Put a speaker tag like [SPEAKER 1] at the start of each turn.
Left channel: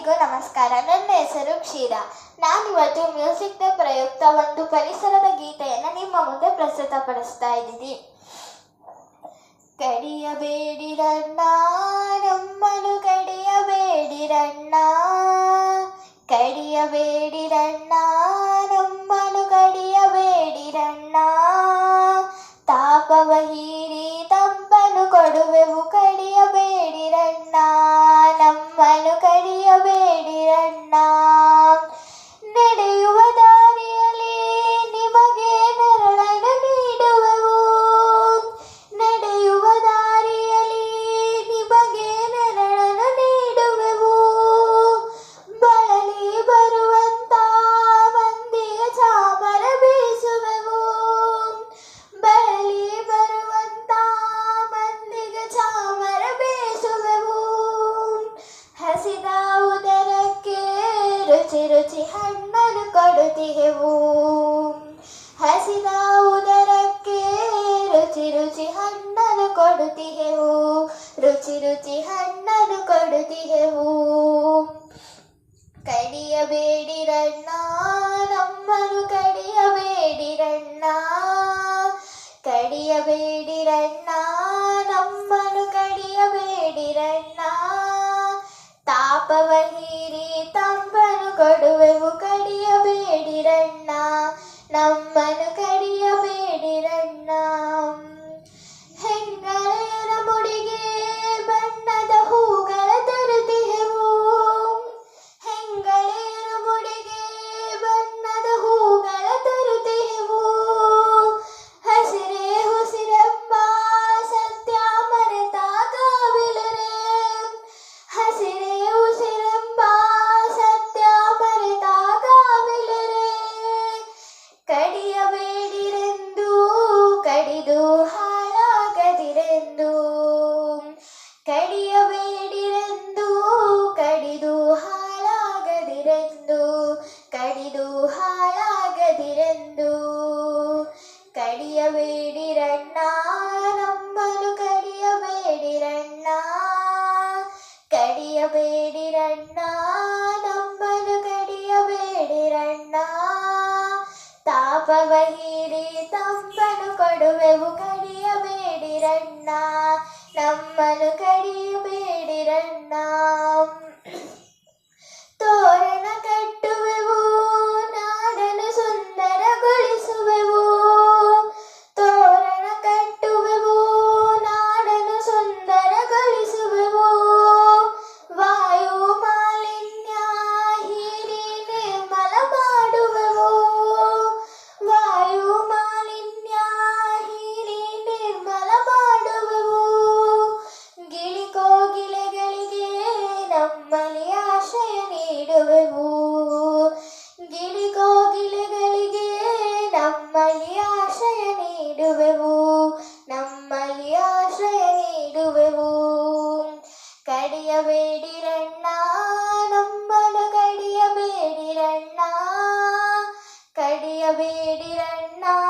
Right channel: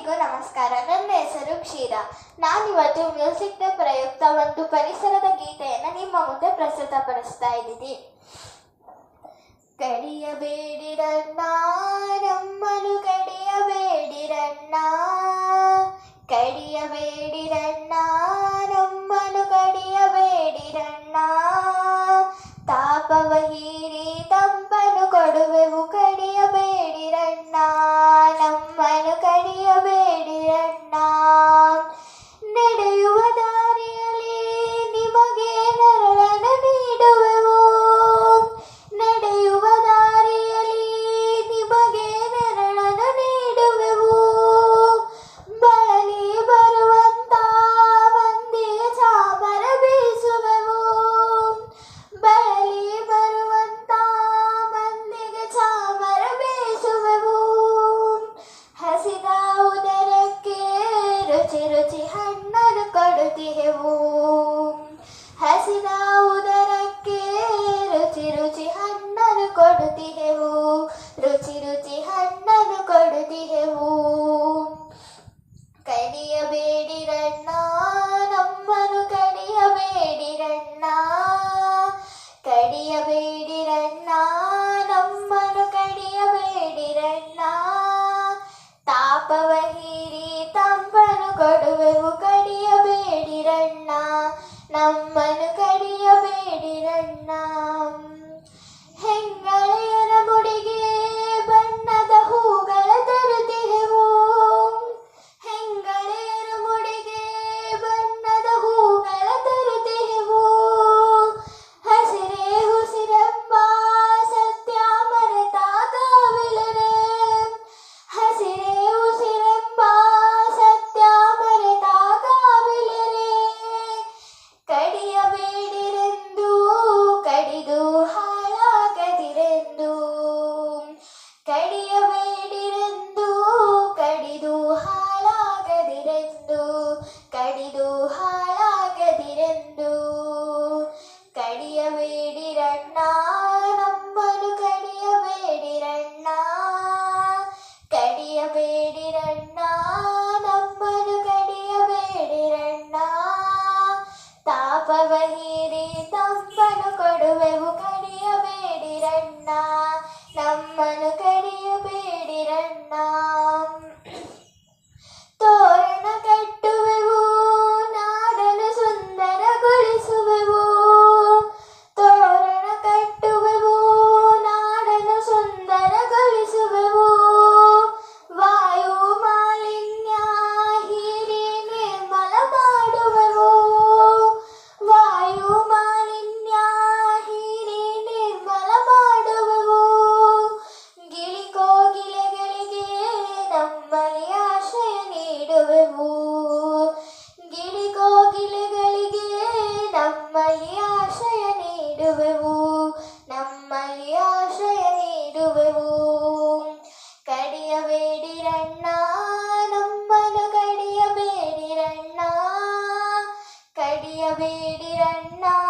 [SPEAKER 1] ಎಲ್ಲರಿಗೂ ನಮಸ್ಕಾರ. ನನ್ನ ಹೆಸರು ಕ್ಷೀರ. ನಾನಿವತ್ತು ಮ್ಯೂಸಿಕ್ನ ಪ್ರಯುಕ್ತ ಒಂದು ಪರಿಸರದ ಗೀತೆಯನ್ನು ನಿಮ್ಮ ಮುಂದೆ ಪ್ರಸ್ತುತಪಡಿಸ್ತಾ ಇದ್ದೀನಿ. ಕಡಿಯಬೇಡಿರಣ್ಣ ನಮ್ಮನು ಕಡಿಯಬೇಡಿರಣ್ಣ ಕಡಿಯಬೇಡಿರಣ್ಣ Benny ಕೊಡುತ್ತಿಹೆವು ಹಸಿದ ಉದರಕ್ಕೆ ರುಚಿ ರುಚಿ ಹಣ್ಣನ್ನು ಕೊಡುತ್ತಿಹೆವು ರುಚಿ ರುಚಿ ಹಣ್ಣನ್ನು ಕೊಡುತ್ತಿಹೆವು ಕಡಿಯಬೇಡಿರಣ್ಣ, ನಮ್ಮನ್ನು ಕಡಿಯಬೇಡಿರಣ್ಣ. ಕಡಿಯಬೇಡಿರಣ್ಣ, ನಮ್ಮನ್ನು ಕಡಿಯಬೇಡಿರಣ್ಣ. ತಾಪವ ಹೀರಿ ತಂಪನು ಕೊಡುವೆವು. bueno ಕಡಿಯಬೇಡಿರೆಂದು ಕಡಿದು ಹಾಳಾಗದಿರೆಂದು ಕಡಿಯಬೇಡಿರೆಂದು ತಾಪವ ಹೀರಿ ತಂಪನು ಕೊಡುವೆವು ಕಡಿಯಬೇಡಿರಣ್ಣ ನಮ್ಮನು ಕಡಿಯಬೇಡಿರಣ್ಣ വേടിരണ്ണ.